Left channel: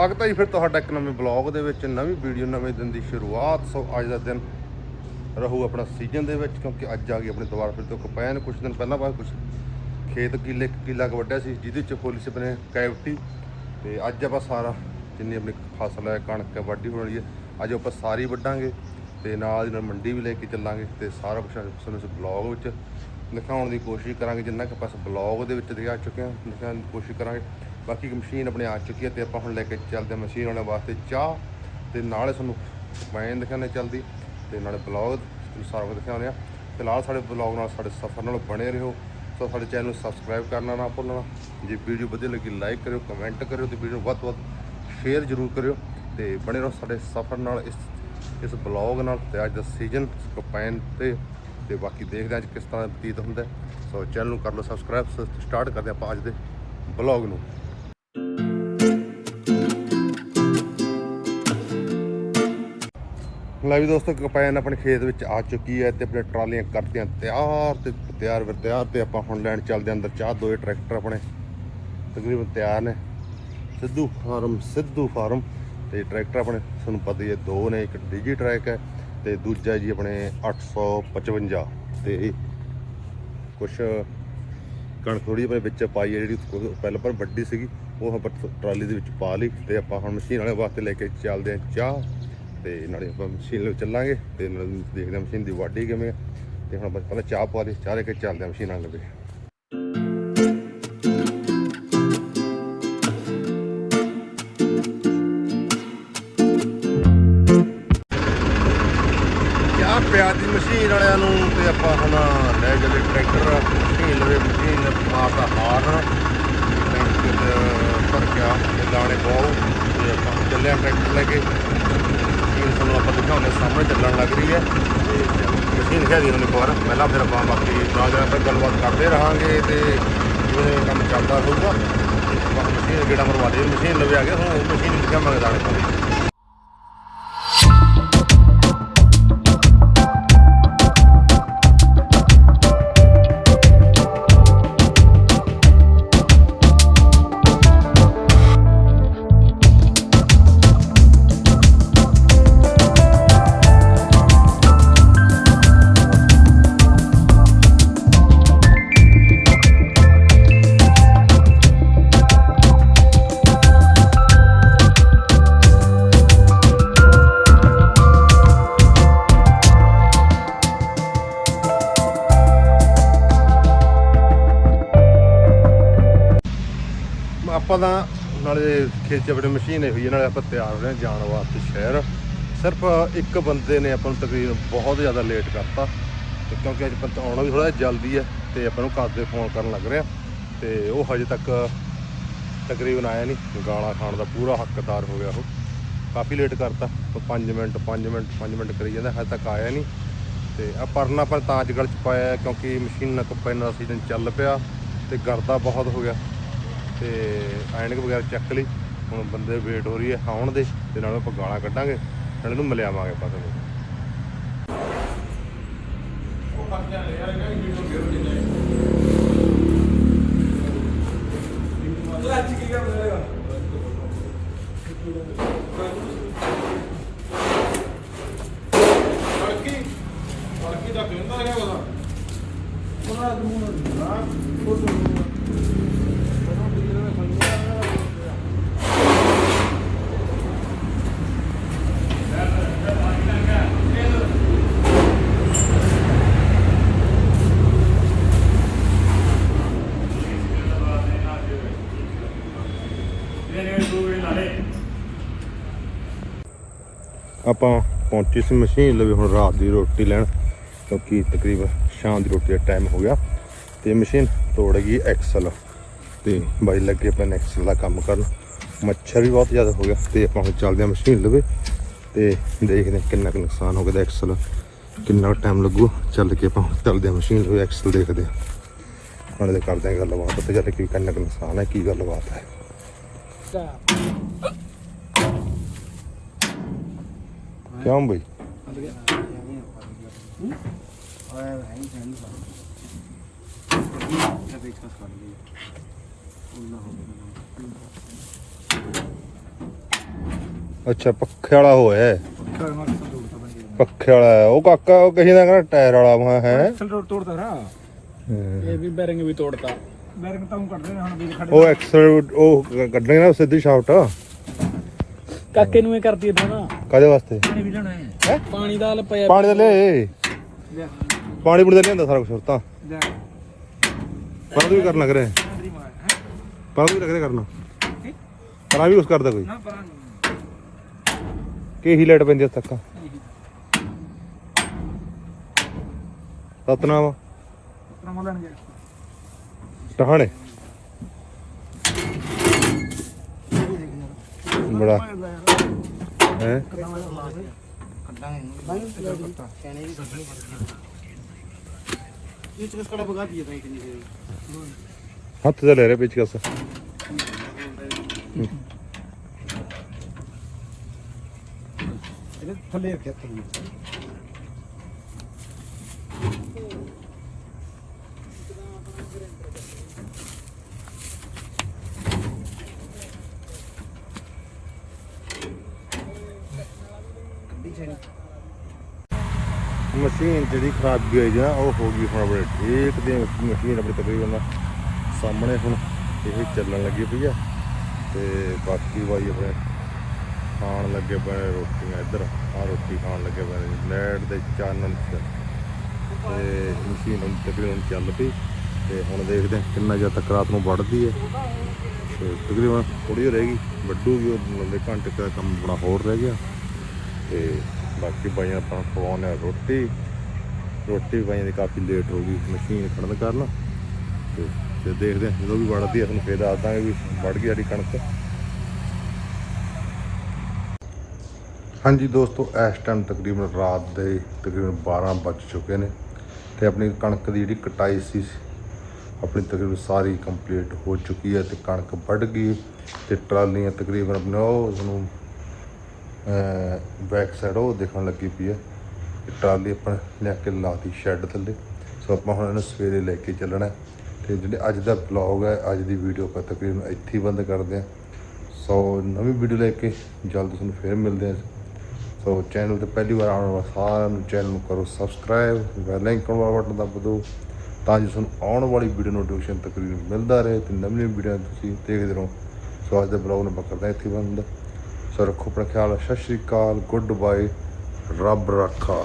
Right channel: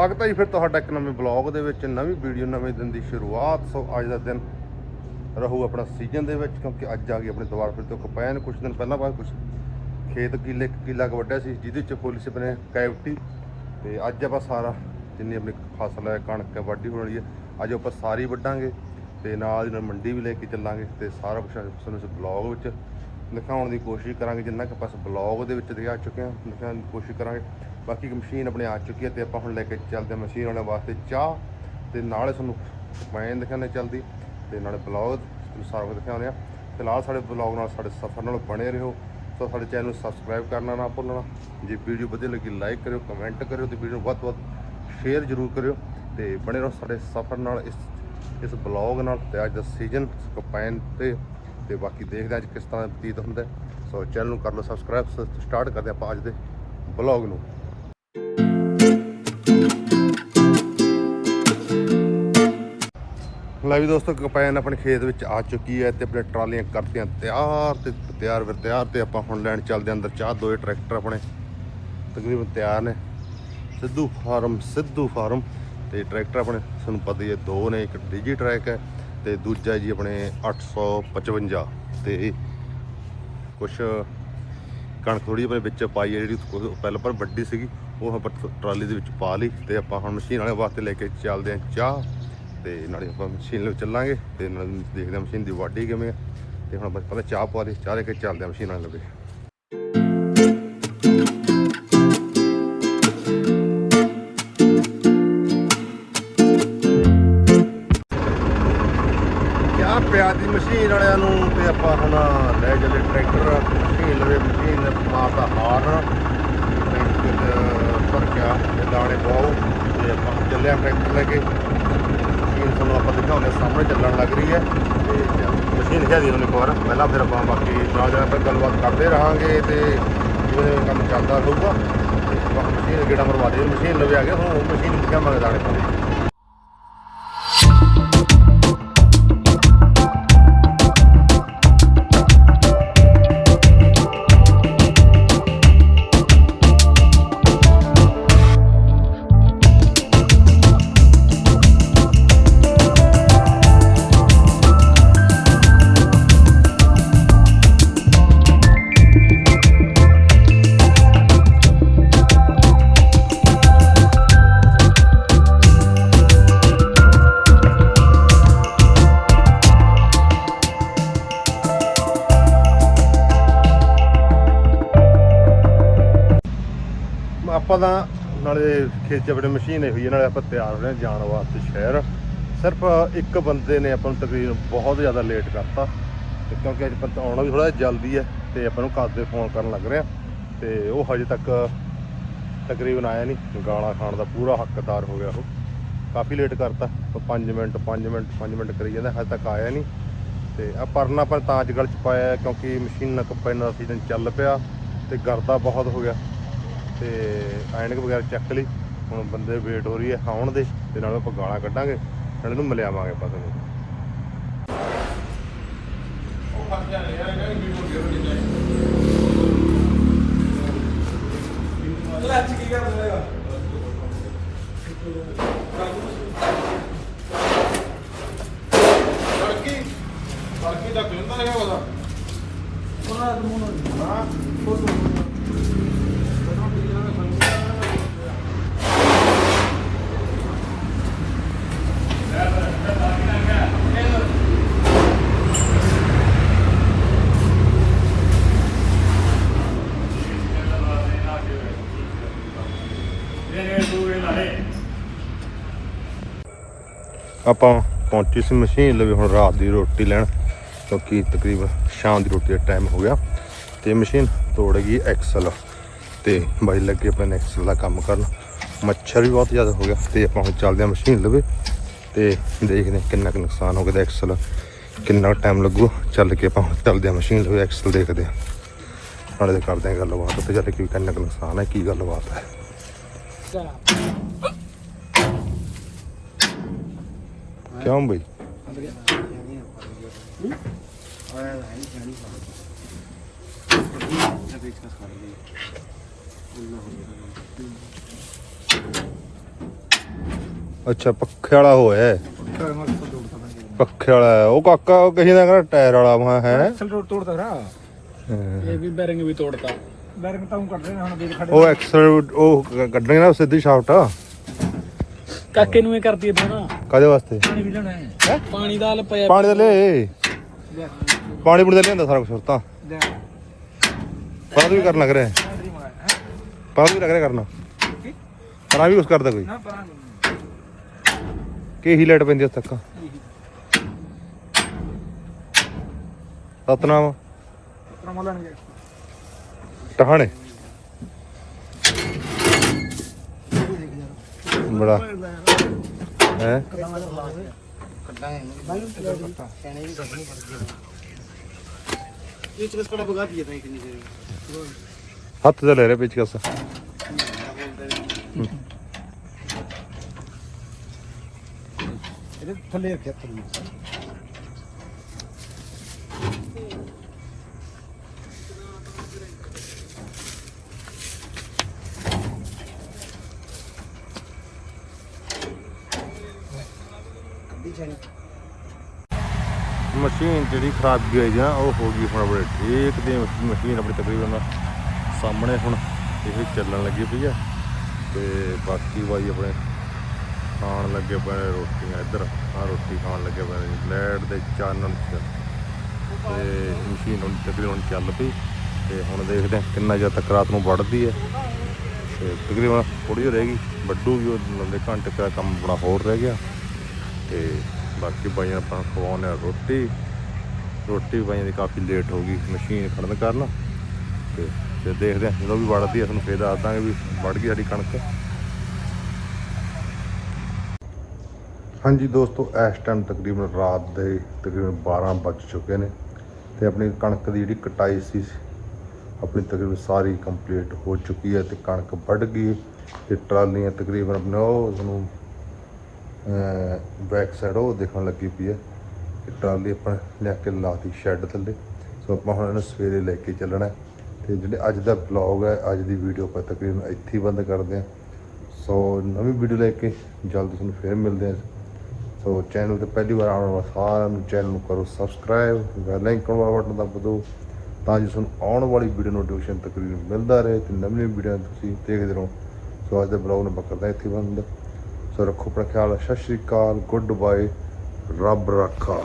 ਸਵਾਗਤ ਹੈ ਜੀ ਫਿਰ ਤੁਹਾਡਾ ਇੱਕ ਨਵੇਂ ਬਲੌਗ ਦੇ ਵਿੱਚ, ਨਵੀਂ ਵੀਡੀਓ ਨਵੇਂ ਦਿਨ ਦੀ ਸ਼ੁਰੂਆਤ। ਸੋ ਅੱਜ ਦਾ ਦਿਨ ਰਹੂ ਆਪਣਾ ਸੀਜ਼ਨ ਦੇ ਵਿੱਚ, ਕਿਉਂਕਿ ਅੱਜ ਆ ਗਈ ਆਪਣੇ ਦੁਆਰ ਫਿਰ ਤੋਂ ਕਪੈਨ ਕੁਝ ਦਿਨ ਪਹਿਲਾਂ ਬਾਅਦ ਕੁਝ ਖੇਤ ਕਿੱਲੇ, ਕਿੱਲਾ ਕੁ ਵੱਢਿਆ ਸੀ, ਜਿਹਦੇ ਚ ਫੁੱਲ ਸੀ ਆਪਣੇ ਕੈਵਟੀ। ਤੇ ਅੱਜ ਆਪਾਂ ਸਾਰਾ ਜਿੰਨੀ ਆਪਣੀ ਫਸਲ ਹੈ, ਕਣਕ ਹੈ, ਵਾਢੀ ਹੋਣੀ ਹੈ, ਅੱਜ ਆਪਾਂ ਸਾਰੀ ਵੱਢਾਂਗੇ ਤੇ ਨਾਲ ਦੀ ਨਾਲ ਮੰਡੀ ਵੀ ਲੈ ਕੇ ਚੱਲਾਂਗੇ ਤੇ ਸਾਰਾ ਕੁਝ ਤੁਹਾਨੂੰ ਇਸ ਬਲੌਗ ਵਿੱਚ ਦਿਖਾਉਣ ਦੀ ਕੋਸ਼ਿਸ਼ ਕਰਾਂਗੇ। ਜਿੰਨਾ ਕਿ ਆਪਾਂ ਇਸ ਬਲੌਗ ਦੇ ਵਿੱਚ ਦਿਖਾ ਚੁੱਕੇ ਹਾਂ, ਦਿਖਾਉਣ ਦੀ ਕੋਸ਼ਿਸ਼ ਕਰਾਂਗੇ। ਬਾਕੀ ਇੱਕ ਮਸ਼ੀਨ ਆਪਣੇ ਆ ਚੁੱਕੀ ਹੈ ਤੇ ਆਪਾਂ ਹੁਣ ਲੈ ਕੇ ਚੱਲਦੇ ਹਾਂ ਮਸ਼ੀਨ ਵਾਲਿਆਂ ਵਾਸਤੇ ਚਾਹ ਤੇ ਨਾਲੇ ਤੁਹਾਨੂੰ ਮੈਂ ਦਿਖਾਣੇ ਚੱਲਦੀ ਤੇ ਨਾਲੇ ਬਲੌਗ ਸਾਰਾ ਕੁਝ ਦਿਖਾਉਂਦੇ ਆ ਫਿਲਹਾਲ ਸਾਡੇ ਬਲੌਗ ਨਾਲ ਸਾਡੇ ਸਫ਼ਰ ਨਾਲ ਬਣੇ ਰਹੋ। ਸੋ ਸਾਡੇ ਚੈਨਲ ਨੂੰ ਸਬਸਕ੍ਰਾਈਬ ਕਰਨਾ ਨਾ ਭੁੱਲਣਾ। ਜੇ ਵੀਡੀਓ ਵਧੀਆ ਲੱਗੀ ਲਾਈਕ ਕਰਿਓ ਕਮੈਂਟ ਕਰਿਓ ਤੇ ਵੀਡੀਓ ਨੂੰ ਵੱਧ ਤੋਂ ਵੱਧ ਸ਼ੇਅਰ ਜ਼ਰੂਰ ਕਰਿਓ ਤੇ ਬਣੇ ਰਹੋ ਸਾਡੇ ਸਫ਼ਰ ਨਾਲ ਇਸ ਇਸ ਬਲੌਗ ਨਾਲ ਤੇ ਅੱਜ ਦਾ ਸੀਜ਼ਨ ਕਪੈਨ ਤੇ ਤੇ ਬਾਕੀ ਦੇਖਦੇ ਹਾਂ ਅੱਜ ਕਿਸ ਤਰ੍ਹਾਂ ਬਤੀਤ ਹੁੰਦਾ। ਸੋ ਚੈਨਲ ਨੂੰ ਕਰ ਲਓ ਸਬਸਕ੍ਰਾਈਬ ਸਟਾਰਟ ਕਰਦੇ ਹਾਂ ਆਪਾਂ ਅੱਜ ਦੇ ਬਲੌਗ ਨੂੰ। ਲੈ ਵੀ ਦੋਸਤੋ, ਕਪੈਨ ਆਪਣੇ ਖੇਤ ਵਿੱਚ ਆ ਚੁੱਕੀ ਹੈ ਤੇ ਆਪਣੇ ਟਰਾਲੀਆਂ ਕਰਤੀਆਂ ਤਿਆਰ ਤੇ ਤਿਆਰ ਵਰ ਤਿਆਰ ਤੇ ਆਪਾਂ ਹੁਣ ਲੈਣ ਚੱਲਦੇ ਹਾਂ ਅੰਦਰ ਚਾਹ ਦੋਏ ਟਰੈਕਟਰ ਆਪਣੇ ਤਕਰੀਬਨ ਤਿਆਰ ਨੇ। ਸਿੱਧੂ ਫਾਰਮ ਸਿੱਧੂ ਫਾਰਮ ਤੇ ਟਰੈਕਟਰ ਆਪਣੇ, ਤੁਹਾਨੂੰ ਪਤਾ ਹੀ ਹੈ, ਦੋ ਨੇ, ਇੱਕ ਡੀਜੀ ਟਰੈਕ ਹੈ ਤੇ ਦੂਜਾ ਜੀ ਆਪਣੇ 855 ਤੇ ਕੁਛ ਕਣਕ ਥੋੜੀ ਆਪਣੇ ਵਿੱਚ ਪਾਈ ਹੈ ਜਿਹੜੀ ਪਹਿਲਾਂ ਪਰ ਵੱਡੀ ਸੀਗੀ, ਉਹ ਆਪਾਂ ਟਰਾਲੀ ਦੇ ਵਿੱਚ ਪਾ ਲਈ ਤੇ ਆਪਾਂ ਹੁਣ ਮਸ਼ੀਨ ਵਾਲੇ ਵਾਸਤੇ ਲੈ ਕੇ ਚੱਲਦੇ ਹਾਂ ਚਾਹ। ਤੇ ਨਾਲੇ ਆਪਾਂ ਮਸ਼ੀਨ ਲਈ ਚੱਲਾਂਗੇ ਤੇ ਨਾਲ ਦੇਖਦੇ ਹਾਂ ਮਸ਼ੀਨ ਦੀ ਵਾਢੀ ਕਿਵੇਂ ਹੈ ਤੇ ਹੁਣ ਬਸ ਪਹਿਲਾਂ ਚਾਹ ਪਾ ਲਈ, ਚਾਹ ਲੈ ਕੇ ਚੱਲਦੇ ਹਾਂ ਮਸ਼ੀਨ ਵਾਲੇ ਲਵੇ ਕਿਆ ਪਿਆ ਦੀ ਮਸ਼ੀਨ ਵਾਲਿਆਂ ਨੂੰ ਤੇ ਆਪਾਂ ਹੁਣ ਲੈ ਚੱਲੇ ਟਰੈਕਟਰ। ਮਸ਼ੀਨ ਲਵੇ ਮਸ਼ੀਨ ਮਾਰਦਾ ਹਾਰਨ ਟਰੈਕਟਰ ਭਰ ਗਿਆ, ਤੇ ਪਾਓ ਤੇ ਆਪਾਂ ਚੱਲਿਆ ਟਰੈਕਟਰ ਲੈ ਕੇ। ਮਸ਼ੀਨ ਤੁਹਾਨੂੰ ਆਪਾਂ ਦਿਖਾਉਂਦੇ ਸਾਹਮਣੇ ਚੱਲਣ ਲੱਗ ਰਹੀ ਹੈ। ਤੇ ਮਸ਼ੀਨ ਹੈਗੀ ਇੱਕ ਵਾਰ ਪਹਿਲਾਂ ਫਿਰ ਆਪਾਂ ਬਾਕੀ ਨਾਲ ਨਾਲ ਫਿਰ ਗੱਲਬਾਤ ਕਰਦੇ ਰਹਾਂਗੇ ਤੇ ਜਿਵੇਂ ਕੰਮ ਚੱਲਦਾ ਰਹੂਗਾ ਤੇ ਮਸ਼ੀਨ ਗੇੜਾ ਮਰਵਾ ਦੇ ਮਸ਼ੀਨ ਲਵੇ ਆ ਗਿਆ ਹੁਣ ਉਹ ਮਸ਼ੀਨ ਨੂੰ ਦਿਖਾਵਾਂਗੇ ਦਾਣੇ ਪਾਉਂਦੇ ਆਪਾਂ ਤਾਂ ਨਾਲੇ ਖੇਤ 'ਚ ਆਪਣੇ ਮਸ਼ੀਨ ਹੋਈ ਹੈ ਨਾਲੇ ਆਪਾਂ ਤਿਆਰ ਹੋ ਰਹੇ ਹਾਂ ਜਾਣ ਵਾਸਤੇ ਸ਼ਹਿਰ। ਸਿਰਫ ਇੱਕ ਬੰਦੇ ਨੇ ਆਪਾਂ ਨੂੰ ਤਕਰੀਬਨ ਬਹੁਤ ਜ਼ਿਆਦਾ ਲੇਟ ਕਰਤਾ ਤੇ ਕਿਉਂਕਿ ਅੱਜ ਪਤਾ ਆਉਣਾ ਵੀ ਥੋੜਾ ਜਲਦੀ ਹੈ ਤੇ ਆਪਾਂ ਨੂੰ ਘਰ ਦੇ ਫੋਨ ਕਰਨ ਲੱਗ ਰਿਹਾ ਤੇ ਉਹ ਹਜੇ ਤੱਕ ਤਕਰੀਬਨ ਆਇਆ ਨਹੀਂ। ਗਾਲਾਂ ਖਾਣ ਦਾ ਪੂਰਾ ਹੱਕਦਾਰ ਹੋ ਗਿਆ ਉਹ। ਕਾਫੀ ਲੇਟ ਕਰਤਾ, ਉਹ 5 ਮਿੰਟ 5 ਮਿੰਟ 5 ਮਿੰਟ ਕਰੀ ਜਾਂਦਾ, ਹਜੇ ਤੱਕ ਆਇਆ ਨਹੀਂ। ਤੇ ਆ ਪਰਨਾ ਪਰ ਤਾਂ ਅੱਜ ਗਲ ਚ ਪਾਇਆ ਕਿਉਂਕਿ ਮਸ਼ੀਨ, ਕੰਪਾਈਨਰ ਦਾ ਸੀਜ਼ਨ ਚੱਲ ਪਿਆ ਤੇ ਗਰਦਾ ਬਹੁਤ ਹੋ ਗਿਆ। ਤੇ ਐਨਕ ਵਗੈਰਾ ਚੱਕ ਲਈ। ਹੁਣ ਬੰਦੇ ਵੇਟ ਹੋ ਰਹੀ ਹੈ ਆਉਣ ਦੇ ਤੇ ਨਾਲ ਆਪਾਂ ਗਾਲਾਂ ਕੱਢਾਂਗੇ ਨਾਲ ਇਹਨੂੰ ਮਿਲਿਆਵਾਂਗੇ ਆਪਾਂ ਤੁਹਾਨੂੰ ਆਪਾਂ ਪਹੁੰਚੀ ਸੀ ਮਸ਼ੀਨ ਲਵੇ ਹੁਣ ਰਾਤ ਦੀ ਰੋਟੀ ਲੈਣ, ਕਿਉਂਕਿ ਤਕਰੀਬਨ ਸ਼ਾਮ ਦੀ ਰੋਟੀ ਦਾ ਟਾਈਮ ਹੋ ਗਿਆ ਤੇ ਮਸ਼ੀਨ ਤੋੜ ਗਈ ਐਕਸਲ ਤੇ ਬਾਈ ਲੱਗੇ ਪਏ ਐਕਸਲ ਦਾ ਕੰਮ ਕਰਨ। ਮੱਛਰ ਵੀ ਬਹੁਤ ਜ਼ਿਆਦਾ ਹੋ ਗਿਆ ਤੇ ਆਪਾਂ ਹੁਣ ਚੱਲਦੇ ਹਾਂ ਮਸ਼ੀਨ ਲਵੇ ਤੇ ਦੇਖਦੇ ਹਾਂ ਕਿੰਨਾ ਕੁ ਨੁਕਸਾਨ ਹੋ ਗਿਆ ਐਕਸਲ ਕਿੰਨਾ ਟਾਈਮ ਲੱਗੂ। ਚੱਲ ਕੇ ਆਪਾਂ ਹੁਣ ਚੱਲਦੇ ਹਾਂ ਮਸ਼ੀਨ ਲਵੇ ਐਕਸਲ ਦੇਖਦੇ ਹਾਂ। ਨਾਲੇ ਤੇ ਕਰਦੇ ਹਾਂ ਗੱਲਬਾਤ। ਉੱਥੇ ਚੱਲ ਕੇ ਕੀ ਕਿੰਨਾ ਕੁ ਨੁਕਸਾਨ ਹੈ, ਕੀ ਗੱਲਬਾਤ ਹੈ। ਕਿਉਂ ਬਈ ਅੱਛਾ ਪੱਖੇ ਵਾਲਾ ਹੋਇਆ ਹੈ। ਪੱਖੇ ਵਾਲਾ ਹੈ। ਉਹ ਕਾਕਾ ਕਹੀ ਨਾ ਕਹਿੰਦਾ ਟਾਇਰ ਵਾਲਾ ਵਾ ਹੈ। ਐਕਸਲ ਤੋੜਦਾ ਰਾ। ਇਹ ਵੀ ਬੈਰਿੰਗ ਵੀ ਤੋੜਤਾ। ਬੈਰਿੰਗ ਤਾਂ ਉਹ ਕੱਢ ਰਹੇ ਨੇ ਹੁਣ ਵੀਰ ਖੜੇ ਉਹ ਐਕਸਲ ਉਹ ਕੱਢਣੇ ਨਾ ਸਿੱਧੀ ਸ਼ਾਫਟ ਕਾਕੇ ਨੂੰ ਇਹ ਕਰਦੀ ਤੇ ਨਾ। ਕਦੇ ਵਾਸਤੇ? ਪਾਣੀ ਵੀ ਲੈਣਾ ਹੈ। ਪਾਣੀ ਦਾ ਹਲ ਪਿਆ। ਪਾਣੀ ਦਾ ਲੈ। ਪਾਣੀ ਪੁਣੀ ਦਾ ਲਿਆਂਦਾ ਸਾਰਾ ਕੁਝ ਤਾਂ। ਪਾਣੀ ਵੀ ਕਰਨ ਲੱਗ ਰਿਹਾ ਹੈ। ਪਾਣੀ ਵੀ ਲੱਗ ਰਿਹਾ ਕਰਨਾ। ਪਰ ਆ ਵੀ ਕੁਝ ਕਰਦਾ ਕੋਈ? ਕਿ ਹੀ ਲਾਈਟ ਪੈਂਦੀ ਤੱਕ? ਸਤਨਾਮ। ਟਖਾਣੇ ਬੜਾ। ਹੈ। ਹੱਥ ਤੇ ਲੈ ਰਿਹਾ ਪੇਚਕਸ ਇਹਦੇ ਥੱਲੇ ਰੱਖਿਆ ਥੱਲੇ ਮਸ਼ੀਨ ਜਿਹੜੀ ਖਰਾਬੀ ਆਈ ਜਾਂ ਉਹ ਹੋ ਗਈ ਹੁਣ ਆਪਣੇ ਠੀਕ ਤੇ ਮਸ਼ੀਨ ਆਪਣੀ ਤਕਰੀਬਨ ਸਾਹਮਣੇ ਹੁਣ ਇਹ ਚੱਲਣ ਲੱਗੀ ਪਈ ਆ ਤੇ ਬਾਕੀ ਬਾਈ ਆਪਣੇ ਖਾਣ ਲੱਗੇ ਪਏ ਰੋਟੀਆਂ ਇੱਧਰ ਆ ਰੋਟੀ ਖਾਣ ਲੱਗੇ ਪਏ ਨੇ ਲਾਈਟ ਦੇ ਚਾਨਣ ਚ। ਤੇ ਮਸ਼ੀਨ ਹੁਣ ਤਕਰੀਬਨ ਚੱਲ ਪਈ ਤੇ ਹੁਣ ਦੇਖਦੇ ਹਾਂ ਕਿੰਨਾ ਚਿਰ ਤੱਕ ਰਾਤ ਨੂੰ ਵੱਢਦੀ ਹੈ ਤੇ ਤਕਰੀਬਨ ਥੋੜੀ ਹੋ ਰਹੇਗੀ ਵੱਢੂਗੀ, ਉਹ ਨੰਦੇ ਘੰਟੇ ਦਾ ਕੰਮ ਬੜਾ ਹੋਰ ਰਹਿ ਗਿਆ। ਤੇ ਬਾਕੀ ਭਾਈਆਂ ਆਪਾਂ ਖਵਾਉਂਦੇ ਆ ਰੋਟੀ। ਰੋਟੀ ਭਾਈਆਂ ਦੀ ਕਾਫੀ ਲੇਟ ਹੋ ਗਈ, ਮਸ਼ੀਨ ਖੜਨ ਕਾਰਨ। ਤੇ ਤੇ ਦੇਖਦੇ ਆ, ਜਦੋਂ ਵੀ ਵੜਦੀ ਆ, ਤੁਹਾਨੂੰ ਫੇਰ ਦੱਸ ਦਾਂਗੇ ਵੀ ਵੜ ਗਈ ਸਾਡੀ ਕਣਕ। ਹਾਂਜੀ ਦੋਸਤੋ, ਇਸ ਟਾਈਮ ਤਕਰੀਬਨ ਰਾਤ ਦੇ ਤਕਰੀਬਨ 12 ਵੱਜ ਚੁੱਕੇ ਨੇ ਤੇ ਆਪਣੀ ਕਣਕ ਦੀ ਜਿਹੜੀ ਕਟਾਈ ਸੀ, ਆਪਣੀ ਤਕਰੀਬਨ ਸਾਰੀ ਕੰਪਲੀਟ ਹੋ ਚੁੱਕੀ ਹੈ ਤੇ ਕਣਕ ਵੱਢ ਗਈ ਤੇ ਟਰਾਲੀਆਂ ਤਕਰੀਬਨ ਆਪਣਾ ਉਹ ਤੁਹਾਨੂੰ ਬੈਕ ਸਾਈਡ ਉਹ ਦੇਖਣ ਲੱਗੀ ਪਈ ਹੈ ਤੇ ਟਰਾਲੀ ਆਪਾਂ ਲਿਆ ਕੇ ਲਾਤੀ ਸ਼ੈੱਡ ਥੱਲੇ। ਸੋ ਆਪਾਂ ਹੁਣ ਇਹਨੂੰ ਸਵੇਰੇ ਲੈ ਕੇ ਚੱਲਣਾ ਹੈ। ਤੇ ਜਿਹੜੇ ਅੱਜ ਦਾ ਵਲੌਗ ਹੈ, ਅੱਜ ਦੀ ਵੀਡੀਓ ਆਪਾਂ ਤਕਰੀਬਨ ਇੱਥੇ ਹੀ ਬੰਦ ਕਰਦੇ ਹਾਂ। ਸੋ ਨਵੀਂ ਵੀਡੀਓ ਲੈ ਕੇ ਜਲਦ ਤੁਹਾਨੂੰ ਫੇਰ ਮਿਲਦੇ ਹਾਂ। ਸੋ ਚੈਨਲ ਤੇ ਪਹਿਲੀ ਵਾਰ ਆਉਣ ਵਾਲੇ ਸਾਰਿਆਂ ਨੂੰ ਚੈਨਲ ਨੂੰ ਕਰੋ ਸਬਸਕ੍ਰਾਈਬ ਬੈਲ ਆਈਕਨ ਵਾਲਾ ਬਟਨ ਦਬਾ ਦਿਓ, ਤਾਂ ਜੋ ਤੁਹਾਨੂੰ ਆਉਣ ਵਾਲੀ ਵੀਡੀਓ ਨੋਟੀਫਿਕੇਸ਼ਨ ਤਕਰੀਬਨ ਮਿਲਦਾ ਰਹੇ ਤੇ ਨਵੀਂ ਨਵੀਂ ਵੀਡੀਓ ਤੁਸੀਂ ਦੇਖਦੇ ਰਹੋ। ਸੋ ਅੱਜ ਦਾ ਵਲੌਗ ਨੂੰ ਆਪਾਂ ਕਰਦੇ ਹਾਂ ਇੱਥੇ ਹੀ ਬੰਦ। ਸੋ ਰੱਖੋ ਆਪਣਾ ਖਿਆਲ। ਸਤਿ ਸ਼੍ਰੀ ਅਕਾਲ ਗੁੱਡ ਬਾਏ ਰੱਬ ਰੱਖਾ।